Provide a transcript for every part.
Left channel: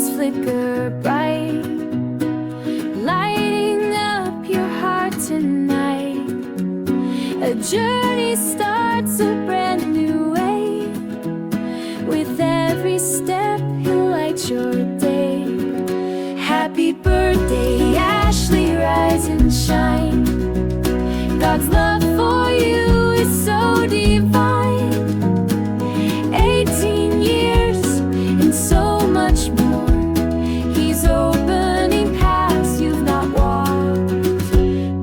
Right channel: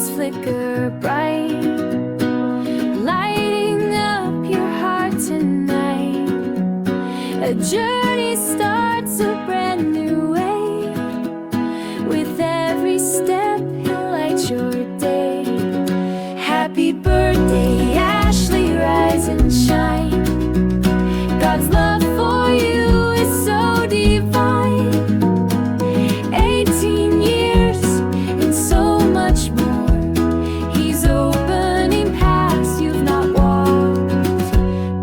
candles flicker bright, lighting up your heart tonight. A journey starts a brand new way. With every step, he'll light your day. Happy birthday, Ashley, rise and shine. God's love for you is so divine. 18 years and so much more. He's opening paths you've not walked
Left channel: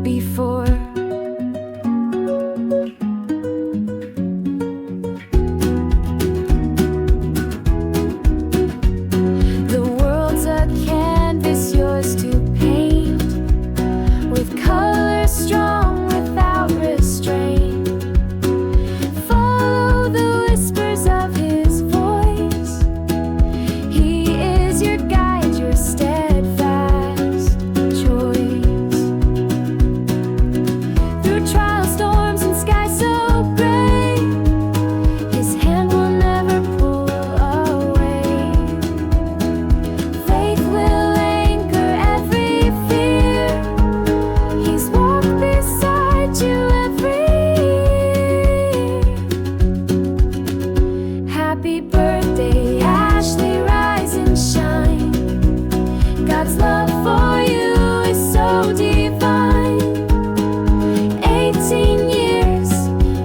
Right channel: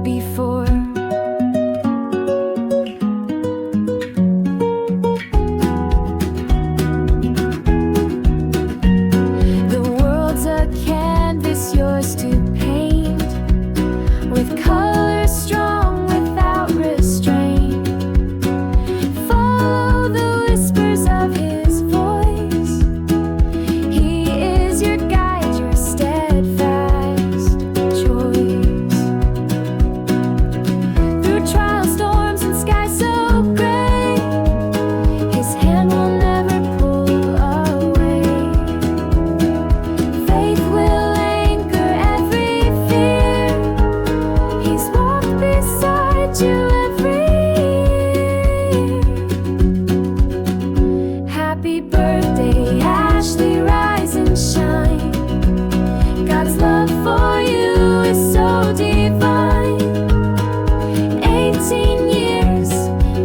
before. The world's a canvas, yours to paint, with colors strong without restraint. Follow the whispers of his voice. He is your guide, your steadfast choice. Through trials, storms, and skies so gray, his hand will never pull away. Faith will anchor every fear. He's walked beside you every year. Happy birthday, Ashley, rise and shine. God's love for you is so divine. 18 years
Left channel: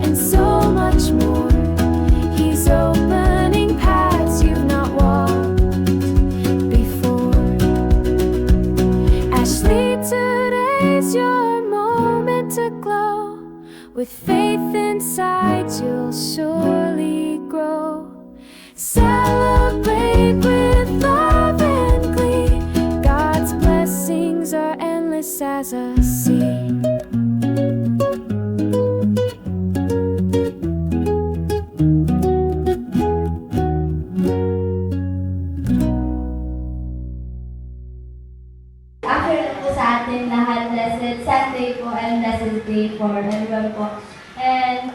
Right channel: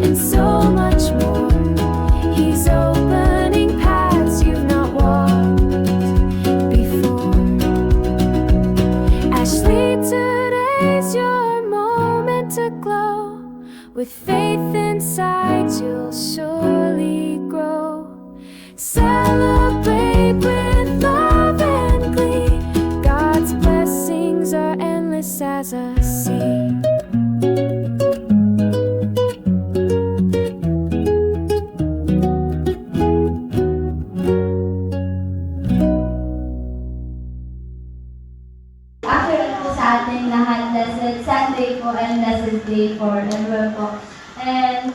and so much more. He's opening paths you've not walked before. Ashley, today's your moment to glow. With faith inside, you'll surely grow. Celebrate with love and glee. God's blessings are endless as a sea. Accurate po sa ating lahat, blessed Sunday po and blessed day for everyone po. And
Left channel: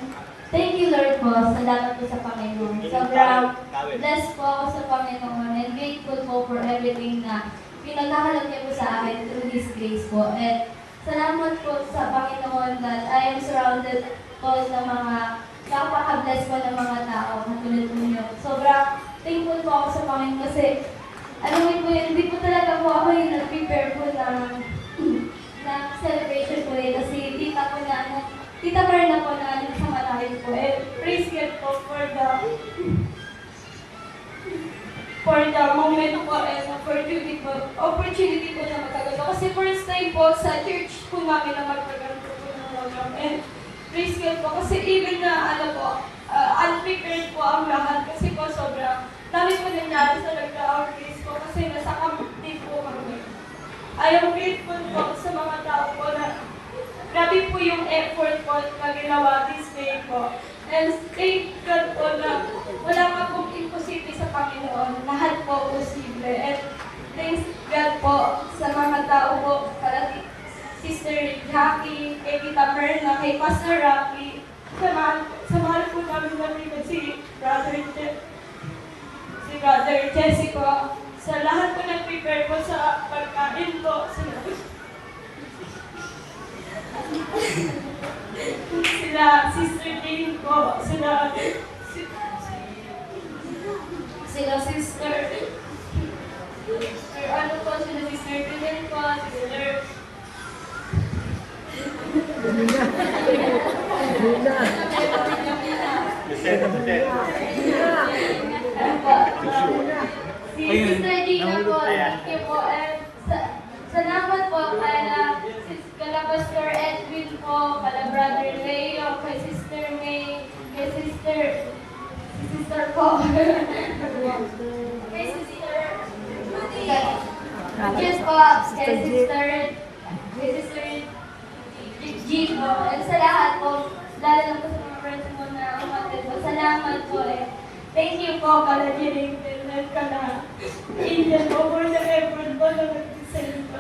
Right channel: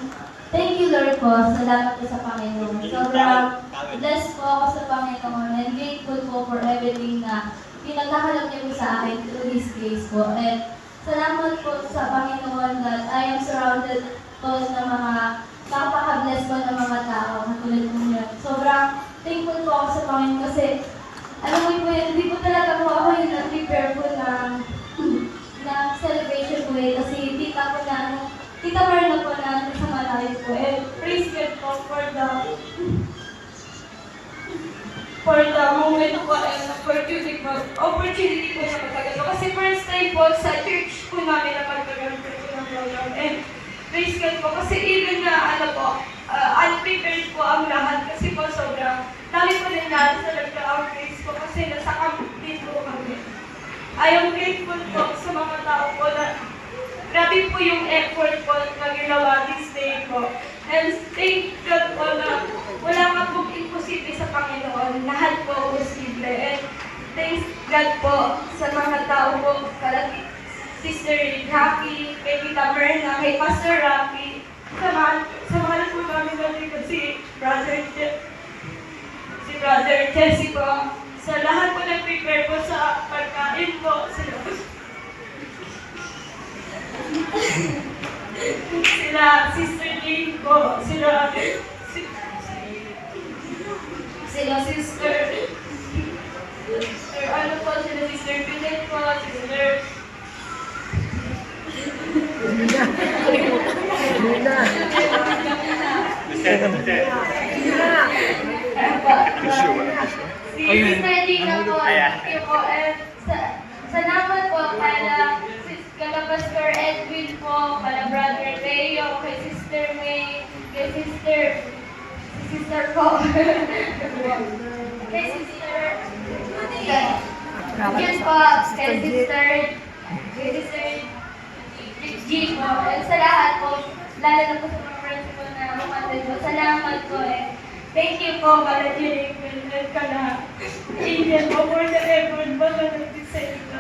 thank you, Lord po. Salamat po sa Panginoon. Sobrang blessed po ako sa Panginoon and grateful po for everything na pinagkakalap niyo po sa akin through His grace po. And salamat po sa Panginoon that I am surrounded po ng mga napaka-blessed po ng mga tao katulad po niyo. Sobrang thankful po ako sa Panginoon kasi alam mo po yun, hindi po talaga po ako yung nag-prepare po ng celebration po eh. Kasi tita Marna po na sa Malayo po. And praise God po for the moment po and opportunity po na magkaganto. Kasi first time po sa church po namin na magkaganto po ng program. And praise God po kasi even na unprepared po ang lahat kasi po sobrang dami po din natin sa nagka-outreach po kasi nasa campaign po kami. I am grateful po sa mga tao po na grabe po yung effort po na ginawa this day po. And thank God po na wala nga pong imposible sa Panginoon. Lahat po posible. And thanks God po sa mga tao po, kala Sister Jackie, kay Tita Merna, kay Pastor Rocky, sa mga po namin natin si Brother Jesse po, sa lahat po nag-prepare po sa pagkain po, sila Sister Jane po, sila Sister ano po, sila Sister Pilet po, Sister Si Sister Gina po, thank you po. And salamat po kala Pastor Edwin po, kala Brother Leo, kay Sister May, kay Sister po. Kay Sister Yun po, kay Sister G po. And sa lahat po, lalo na po sa mga friends po na umatid po. Salamat po eh. Thank you po, kala Jeric, kala Indian po for the effort po na nag-design po.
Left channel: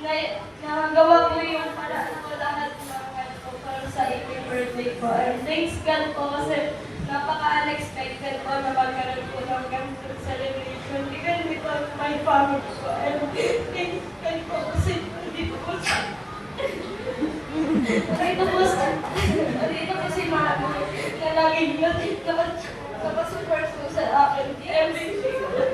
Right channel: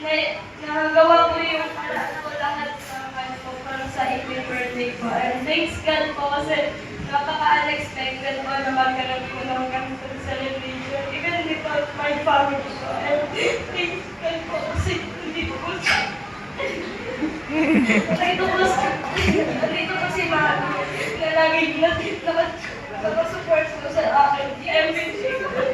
na nagawa ko yung paraan ko lahat ng ano ko para sa inyong birthday ko. And thanks God po kasi napaka-unexpected po na magkaroon ko ng ganitong celebration. Even without my family po. And thanks God po kasi hindi po Dito po si Mami na laging napasupport po sa akin. Everything.